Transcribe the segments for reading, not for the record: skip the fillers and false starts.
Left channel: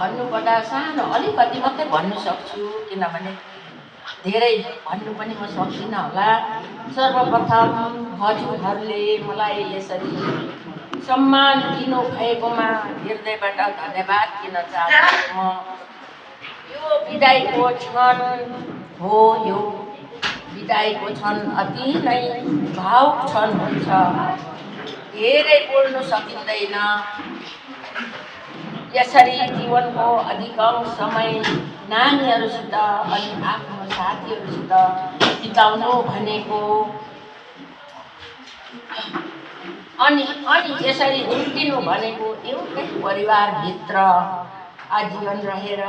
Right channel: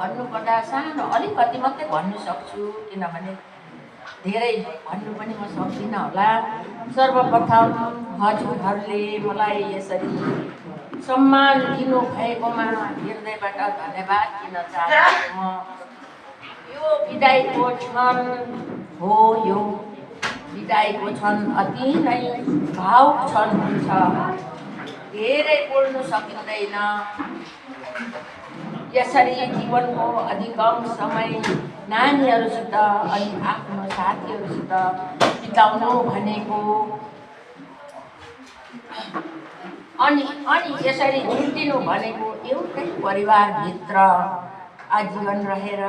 भन्नुपर्दा सानो अलिकति मात्रै भन्नु सक्छु, किनभने धेरै भन्नु पनि म सक्दिनँ होला। सर्वप्रथम हजुरहरूले मलाई यसरी सम्मान दिनु भएकोमा हृदयबाट धन्यवाद दिन चाहन्छु। म यो बिदाईको क्षण हो, यो बिदाईको क्षण अति नै भावुक क्षण हुन्छ। धेरै बोल्न सकिँदैन। यसरी जीवनको अधिकांश समय नानीहरूसित अनि आफ्नो साथीहरूसित बिताउनु भनेको अनि यसरी छुट्टिनु भनेको एउटै परिवारभित्र आजीवन रहेर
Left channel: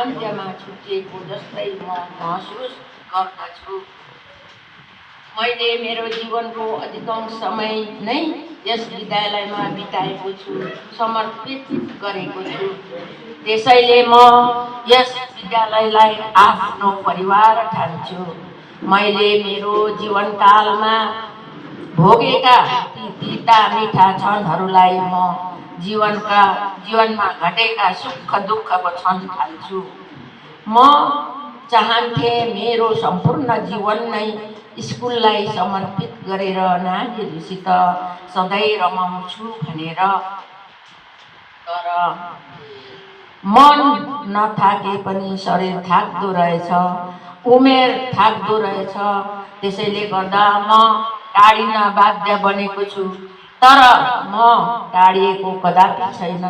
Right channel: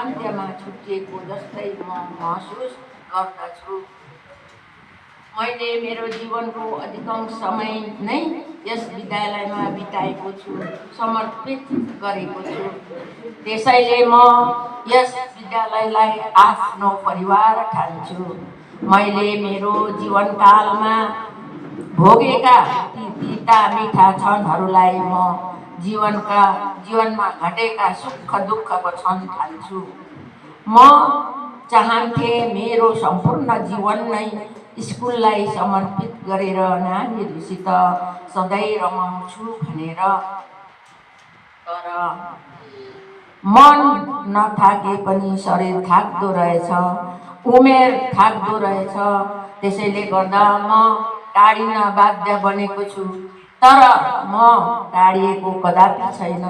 अन्त्यमा छुट्टिएको जस्तै म महसुस गर्दछु। मैले मेरो जीवनको अधिकांश समय नै यस विद्यालयमा बिताएको छु, समर्पित गरेको छु। त्यसैले म यस विद्यालयलाई आफ्नो परिवार ठान्छु। मैले मेरो जीवनकालमा भोगेका ती तिता मिठा क्षणहरूलाई म जीवनमा घटेका सुख दुःखको क्षण ठान्छु। म चाहन्थे मेरो सम्पूर्ण जीवन नै स्कुललाई समर्पित गरेर नानीहरूसित सधैँ रमाउँछु भनेर। तर मन नथाके पनि शरीर थाक्दो रहेछ, उमेर थाक्दो रहेछ। त्यसैले गर्दा म टाढिन बाध्य बनेको छु। तर म टाढिएको कदापि छैन,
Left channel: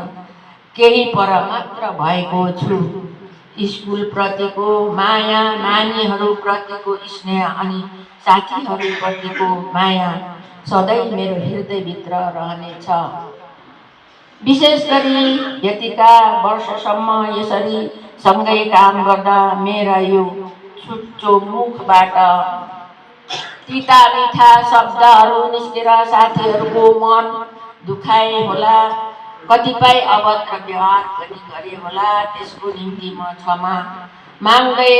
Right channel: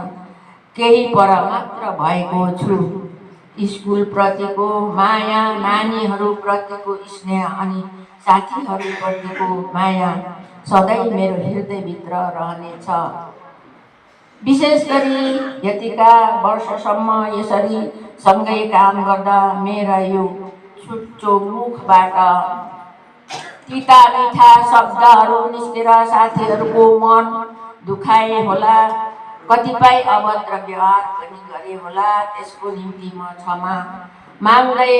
केही पर मात्र भएको छु। स्कुलप्रतिको माया, नानीहरूप्रतिको स्नेह अनि साथीहरूप्रतिको माया सधैँ मेरो हृदयभित्र रहनेछ। विशेष गरी यतिका वर्षसम्म यसरी सँगै काम गर्दा मेरा यो चुच्चो मुखबाट तिता मिठा शब्दहरू निस्केर साथीहरूको मन दुखाए होला, कतिपय अभद्र व्यवहार पनि गरे होला। त्यसको निम्ति म क्षमा माग्दै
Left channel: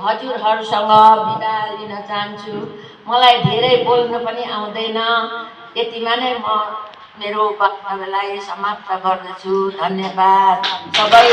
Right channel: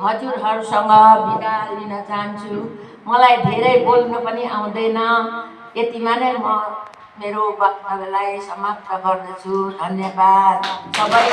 हजुरहरूसँग बिदा लिन चाहन्छु। मलाई धेरै बोल्नु पनि आउँदैन। यतिमा नै म मेरो वक्तव्यलाई समाप्त गर्दछु। धन्यवाद सबै।